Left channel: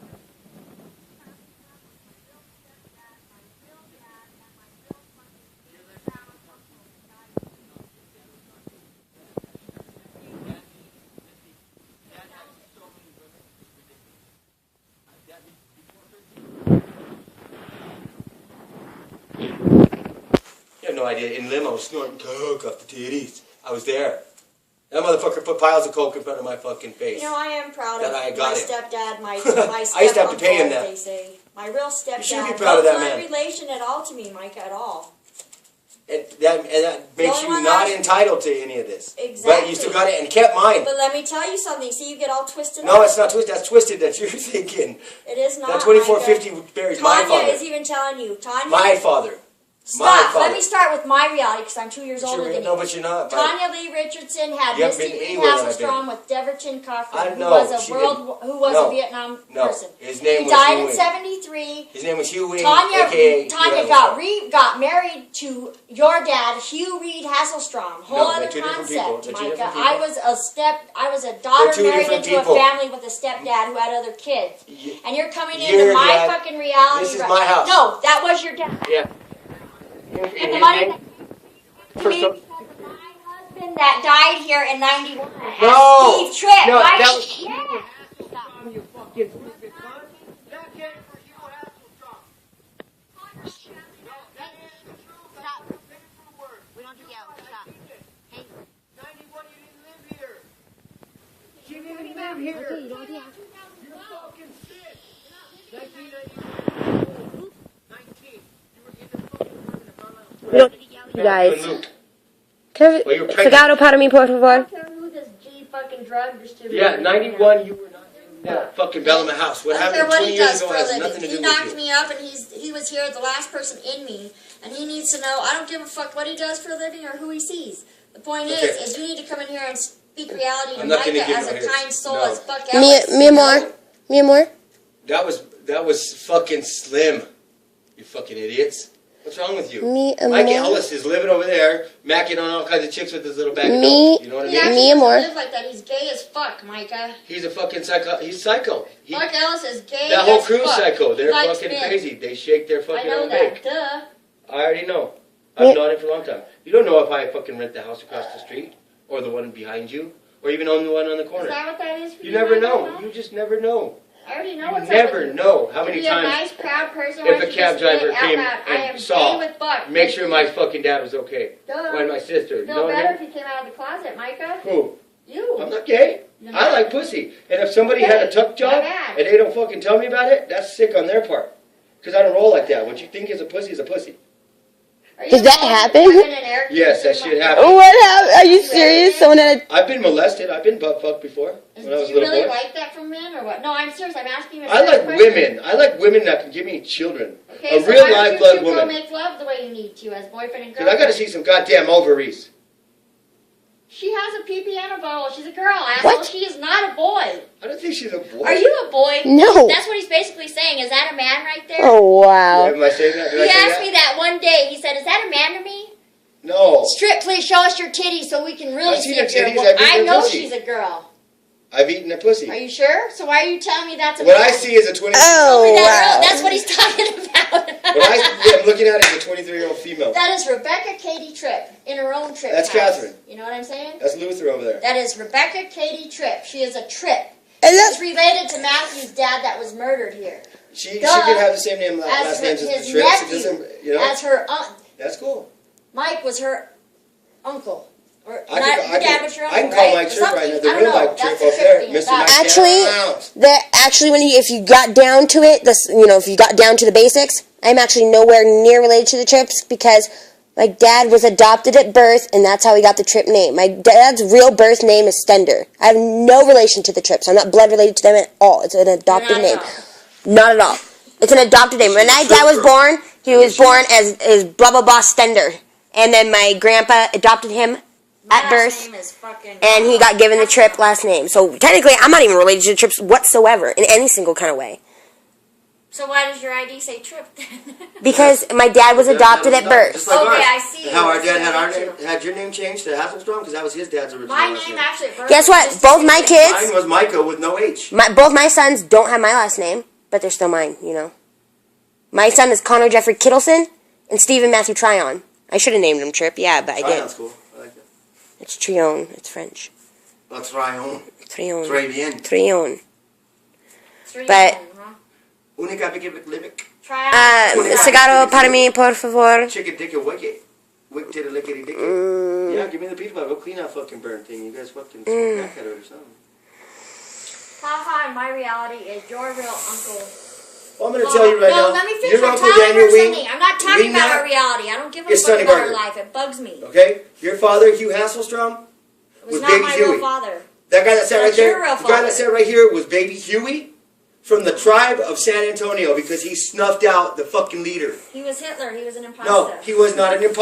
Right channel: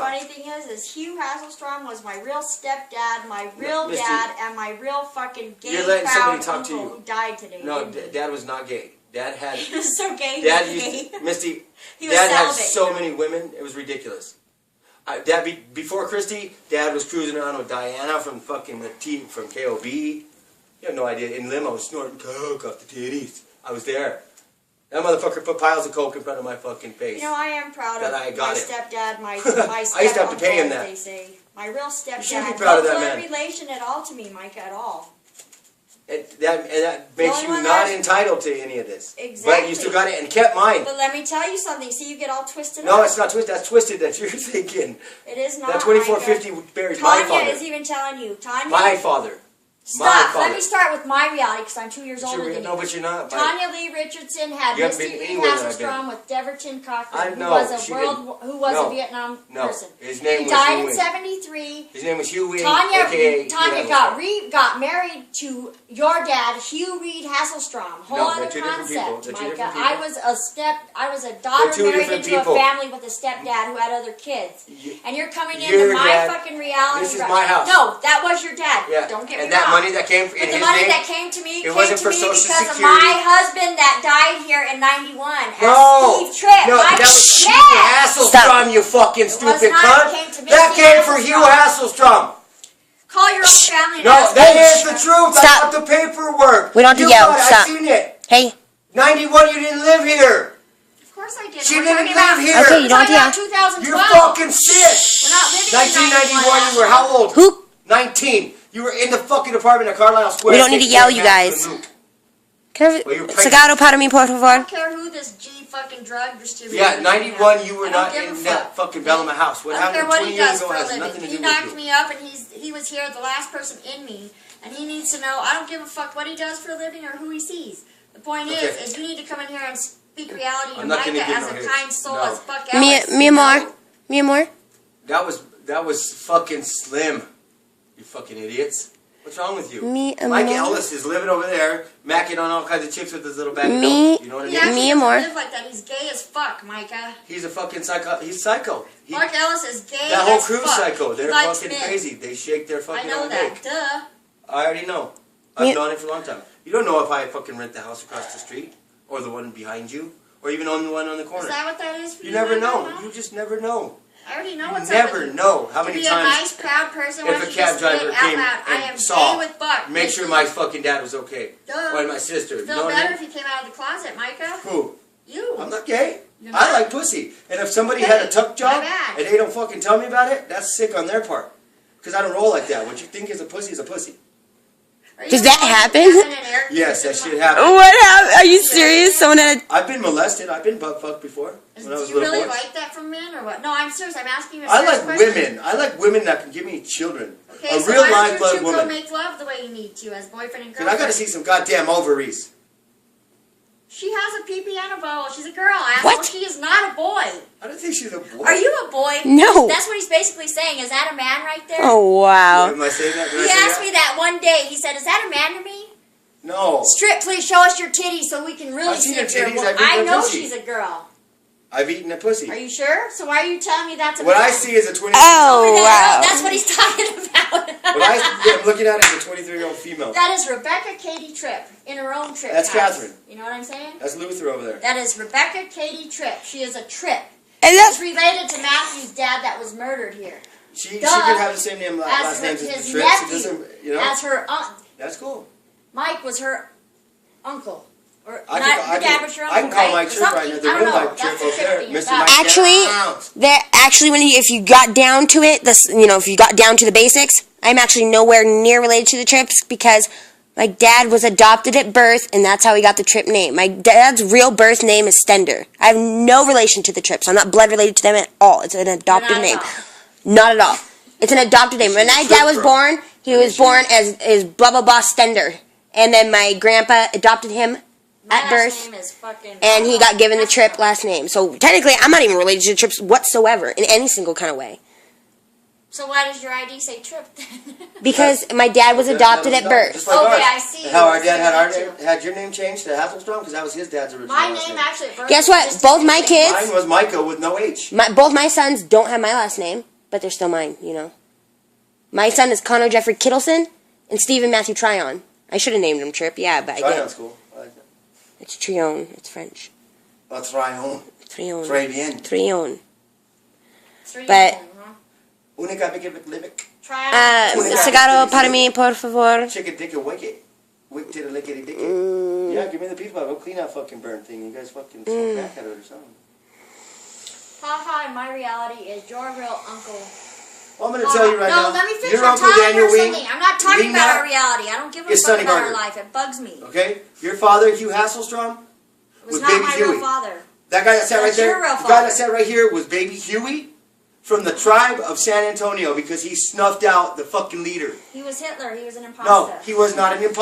Funny thing is Hugh Hasselstrom was my real stepdad, my real dad, and my real fucking gay proud uncle who died today. No, Dad was not gay. Dad had. He was so gay. Dad used Misty. Dad had so many women. It was ridiculous. Dad before Christy, Dad was cruising around with Diana from fucking the T from KOB. You have no idea. In limo, snorting coke off the titties. I was there. That motherfucker put piles of coke in front of my fucking face. You know, I am proud of my stepdad, my I used to have to pay him that. They say. My real stepdad. You should be proud of that man. No relation at all to me, Micah, at all. That makes you not entitled to any of this. Exactly. But you still got it, and kept mine. But let me tell you something. See, you get all twisted No, up. it's not twisted. That's twisted that you're thinking. It is not, That 2450 buries my father. Tanya is even telling you. Tanya. My father. Stop. Let me start with my reality because I'm 2 years older than you. No, but you're not. Tanya Lee Richardson had Misty Lee Hasselstrom with Deverton Cochran, who was a Vietnam person. His name was died in '73. His name was Hugh Weed. Tanya got married to your dad, Hugh Reed Hasselstrom. Whole other concept, Micah. I was a daughter married into a family with a stepdad who had other kids. And you're coming into my fucking reality. This is my house. No, that was your dad. Yeah. Don't get me wrong. That money that came in his the money name, that came to me it wasn't for Social Security. Because of my husband that died here in '91. No, Steve Tripp. no, that was Hugh Hasselstrom, you fucking stupid cunt. That came for Hugh Hasselstrom. Call your own family. No, that is the truth. Stop. I got the paperwork. We don't have to yell. Stop. I've seen it. Hey. 91, you didn't live here. Of course I did. She didn't live here. Okay, you don't have to yell. You're fucking sick. We're not living 1991, you were how old? Who? 19. You were in the fucking apartment at Carlisle Square. We don't need to yell, you guys. Cigarro para mí, por favor. I don't care who this G fucking drug distributor is. Yeah, 91, you were not in that fucking Bellama house. What happened 20 years ago has nothing to do with you. He knocked me up and he was here, the last person in me, and he needs to know, I don't give a fuck what he does for a living or who he sees. The point is you need to come in here and speak reality to Micah as a kind soul as fuck Ellis. Mi amor. That was fucking slim. You fucking idiots. What's wrong with you? Mike Ellis is living over there, macking on all kinds of chicks with his little bag of dope. You know what I mean? He doesn't live like that. He's gay as fuck, Micah. He's a fucking psycho. He's psycho. Mark Ellis is gay as fuck. That whole crew's psycho. They're fucking crazy. They shake their fucking own dick. I know that. Duh. I already know. I've known it for a long time. You don't know if I fucking rent the house across the street, or the one behind you, or even on the one on the corner. Is that what that is for you? You never know. You just never know. I already know what's up. You never know how many times. To be a nice, proud person. If a cab driver came and saw, with Buck. make sure my fucking dad was okay. Duh. Or my sister. Feel better if he came out of the closet, Micah. Who? You. I'm not gay. I like pussy. And if somebody had a tuck job and they don't fucking tell me about it, that's sick on their part. Because I don't roll like that. What you think is a pussy is a pussy. Does that happen? Yes, that shit happened. What happened? Are you serious? I've been molested. I've been butt fucked before. When I was a little boy. Do you really like that from men or what? No, I'm serious. I'm asking you a I like women. I like women that can give me children. Okay, a real live blood woman. Go make love the way you need to as boyfriend and girlfriend. Because I got to see some goddamn ovaries. She has a pee-pee and a bottle. She's a girl, asshole. What? She is not a boy. I don't think she's a boy. Are you a boy? No. That's what he's basically saying. Is that a man right there? Oh, wow. Am I saying that? He asked me that one day. He said, is that a man to me? No. Strip, please show us your titties so we can really see her titties. I know she's a girl. I've eaten a pussy. Are you sure? So why are you telling me that's a What man? I see is a 23-year-old wow. That's what he's talking about. What I'm looking at is a 23-year-old female. That is Rebecca Katie Tripp in her own Tripp That's house. Catherine. You know what I'm saying? That's Luther over there. That is Rebecca Katie Tripp. She is a Tripp. And that's related to Matthew's dad that was murdered here. She could have the same name, last name as the Tripps. It doesn't, you know? As her aunt. That's cool. Mike was her uncle. I can call Mike Tripp right now. The real Mike Tripp up there, Mr. Mike. Actually, if you got down to it, if you got down to the basics, I'm actually nowhere near related to the Tripps because my dad was adopted at birth, and that's how he got the Tripp name. My dad's real birth name is Stender. I have no relation to the Tripps. I'm not blood related to them at all. It's an adopted name. Not at all. It's an adopted name. When my dad was born, he was born as blah blah blah Stender, and then my grandpa adopted him at birth, and he got given the Tripp last name. So technically, I'm not even related to the Tripps whatsoever in any single kind of way. So why does your ID say Tripp then? Because my dad was adopted at birth. Just like Okay, ours. I see. How our I see dad that had your name changed to Hasselstrom because that was his dad's original My last name actually at birth. Guess was what? just Both the my same. kids, Mine was Micah with no H. both my sons don't have my last name, but they're still mine, you know. My son is Connor Jeffrey Kittleson and Stephen Matthew Tryon. I should have named him Tripp, yeah, but I Tryon's didn't. cool. I like that. It's Tryon. It's French. That's Tryon. Tryon. Très bien. Tryon. Three But- of them, huh? Unica Bic Try Cigarro para mí, por favor. Chicken dick and wicket. Wick to the lickety dick. Yeah, give me the pizza. Go clean that fucking burn thing. You guys fucking crack at it or something. Haha, my reality is your real uncle. Well, I'm going to tell you right now. No, let me finish. Your I'm Uncle telling Daniel you Wing. something. I'm not talking about our Wingmat reality. I don't give a is fuck Sonny about our Barker. life. It bugs me. Okay? Your father, Hugh Hasselstrom, It was was not Baby my Huey. real father. That guy that sat right That's there, your real the guy father. that sat right here was Baby Huey from the tribe of San Antonio because he snuffed out the fucking leader. He was Hitler. He was an imposter. No, he was not an imposter.